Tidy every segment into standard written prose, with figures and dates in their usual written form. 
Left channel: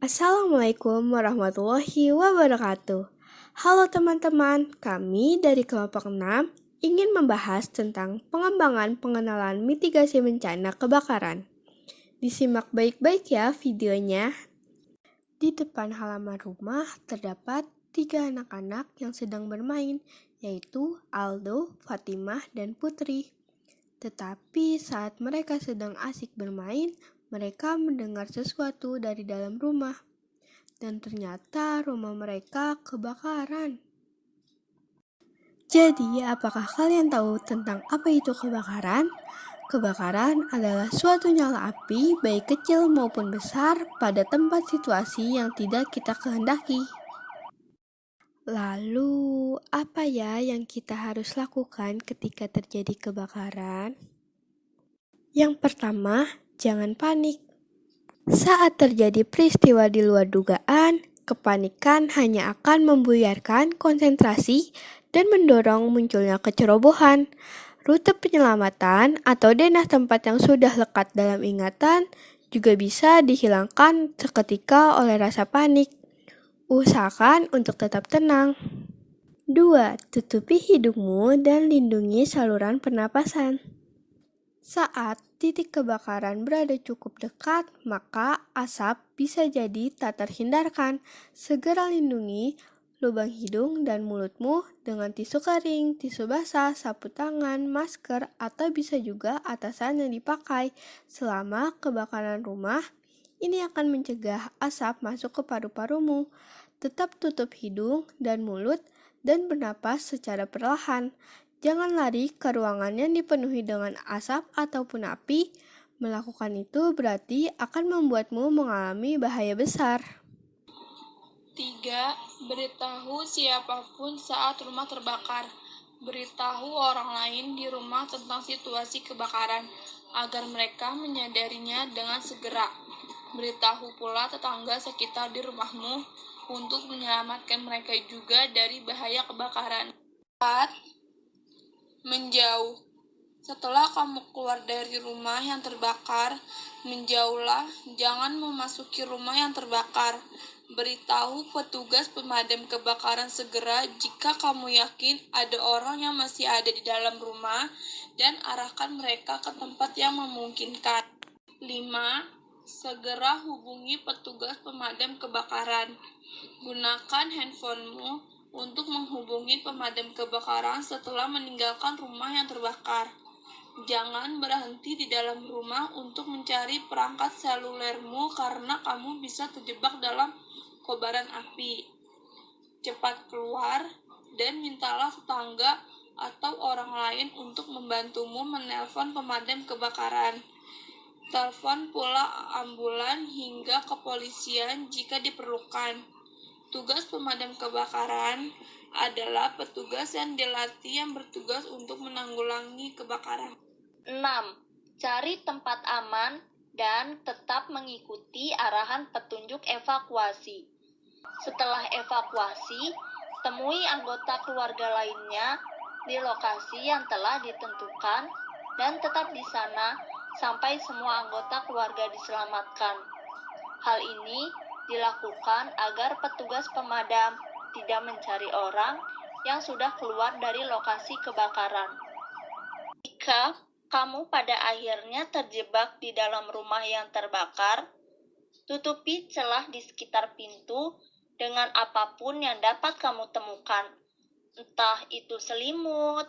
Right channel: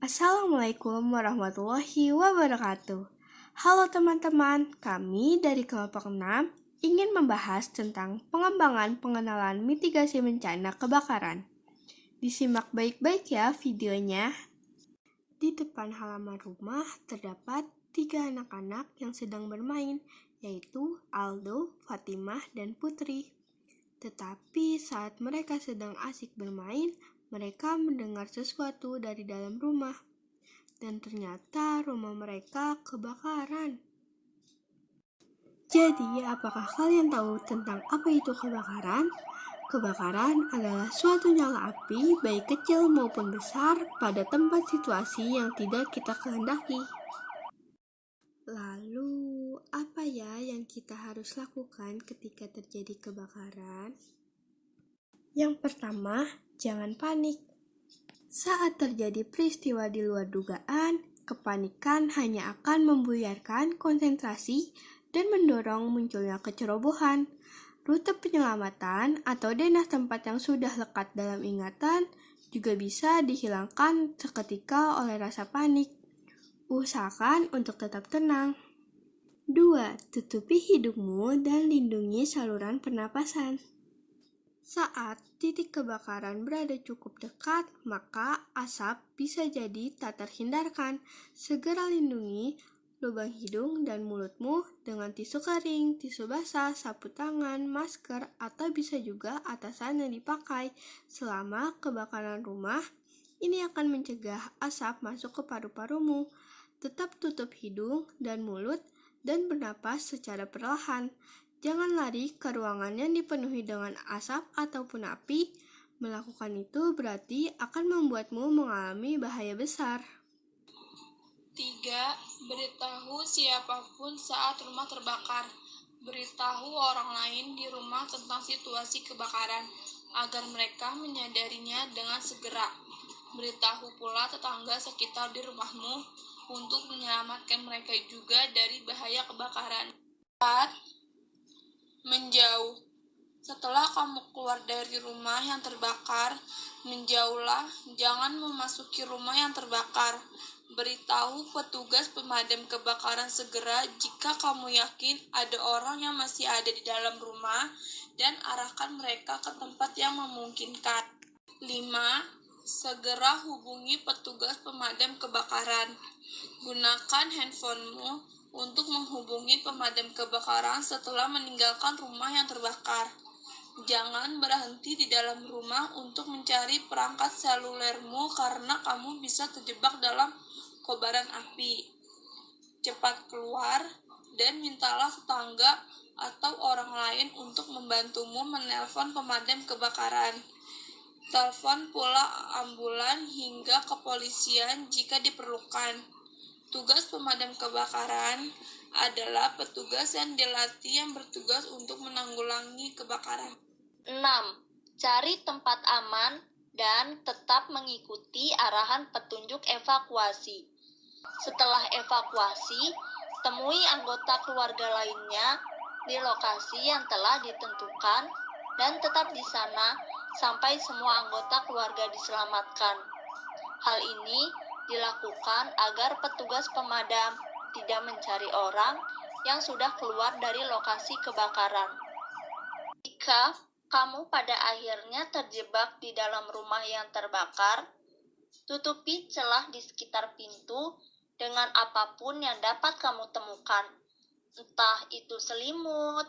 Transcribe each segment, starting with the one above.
Assalamualaikum warahmatullahi wabarakatuh. Halo teman-teman, kami dari kelompok 6 ingin membahas tentang pengembangan pengenalan mitigasi bencana kebakaran. Disimak baik-baik ya videonya. Di depan halaman rumah terdapat 3 anak-anak yang sedang bermain, yaitu Aldo, Fatimah, dan Putri. Tetapi saat mereka sedang asik bermain, mereka mendengar sesuatu dari dalam rumah. Dan ternyata rumah mereka kebakaran. Jadi, apakah kalian tahu tentang apa itu kebakaran? Kebakaran adalah suatu nyala api, baik kecil maupun besar, pada tempat situasi yang tidak kita kehendaki. Lalu, apa ya yang kita harus lakukan ketika terjadi kebakaran? Yang pertama, jangan panik. Saat terjadi peristiwa di luar dugaan, kepanikan hanya akan membuyarkan konsentrasi dan mendorong munculnya kecerobohan. Rute penyelamatan atau denah tempat yang sudah lekat dalam ingatan juga bisa dihilangkan seketika oleh rasa panik. Usahakan untuk tetap tenang. 2. Tutupi hidungmu dan lindungi saluran pernapasan. Saat titik kebakaran berada cukup dekat, maka asap bisa jadi tak terhindarkan. Segera lindungi lubang hidung dan mulutmu dengan tisu kering, tisu basah, sapu tangan, masker, atau bisa juga atasan yang dipakai. Selama kebakaran rumah, ini akan mencegah asap masuk ke paru-parumu. Tetap tutup hidung dan mulut dan bernapas secara perlahan. Jangan lari ke ruangan yang dipenuhi dengan asap ataupun api. Melakukan itu berarti akan membuatmu mengalami bahaya besar. 3. Beritahu siapapun saat rumah terbakar. Beritahu orang lain di rumah tentang situasi kebakaran agar mereka menyadarinya dengan segera. Beritahu pula tetangga sekitar di rumahmu untuk menyelamatkan mereka juga dari bahaya kebakaran. 4. Menjauh. Setelah kamu keluar dari rumah yang terbakar, menjauhlah, jangan memasuki rumah yang terbakar. Beritahu petugas pemadam kebakaran segera jika kamu yakin ada orang yang masih ada di dalam rumah dan arahkan mereka ke tempat yang memungkinkan. 5. Segera hubungi petugas pemadam kebakaran. Gunakan handphonemu untuk menghubungi pemadam kebakaran setelah meninggalkan rumah yang terbakar. Jangan berhenti di dalam rumah untuk mencari perangkat selulermu karena kamu bisa terjebak dalam kobaran api. Cepat keluar dan mintalah tetangga atau orang lain untuk membantumu menelpon pemadam kebakaran. Telepon pula ambulan hingga kepolisian jika diperlukan. Tugas pemadam kebakaran adalah petugas yang dilatih yang bertugas untuk menanggulangi kebakaran. 6. Cari tempat aman dan tetap mengikuti arahan petunjuk evakuasi. Setelah evakuasi, temui anggota keluarga lainnya di lokasi yang telah ditentukan dan tetap di sana sampai semua anggota keluarga diselamatkan. Hal ini dilakukan agar petugas pemadam tidak mencari orang yang sudah keluar dari lokasi kebakaran. Jika kamu pada akhirnya terjebak di dalam rumah yang terbakar, tutupi celah di sekitar pintu dengan apapun yang dapat kamu temukan, entah itu selimut,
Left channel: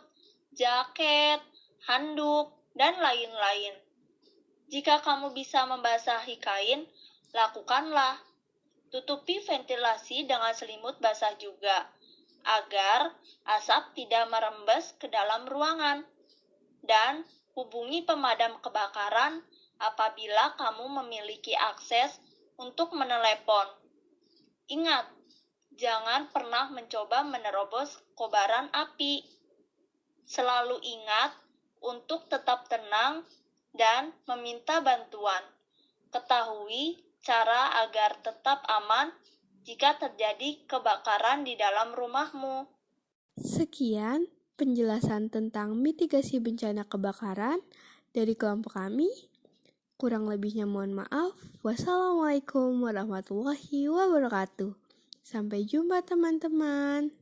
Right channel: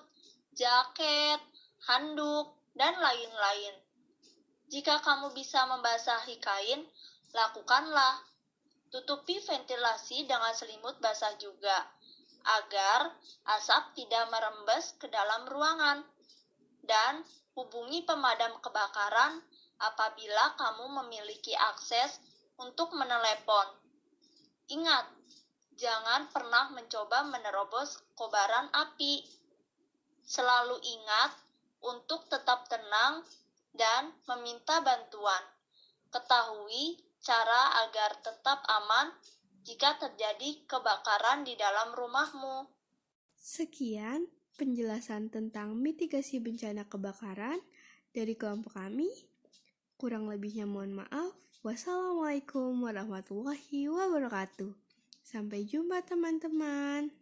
jaket, handuk, dan lain-lain. Jika kamu bisa membasahi kain, lakukanlah. Tutupi ventilasi dengan selimut basah juga, agar asap tidak merembes ke dalam ruangan. Dan hubungi pemadam kebakaran apabila kamu memiliki akses untuk menelepon. Ingat, jangan pernah mencoba menerobos kobaran api. Selalu ingat untuk tetap tenang dan meminta bantuan. Ketahui cara agar tetap aman jika terjadi kebakaran di dalam rumahmu. Sekian penjelasan tentang mitigasi bencana kebakaran dari kelompok kami. Kurang lebihnya mohon maaf. Wassalamualaikum warahmatullahi wabarakatuh. Sampai jumpa teman-teman.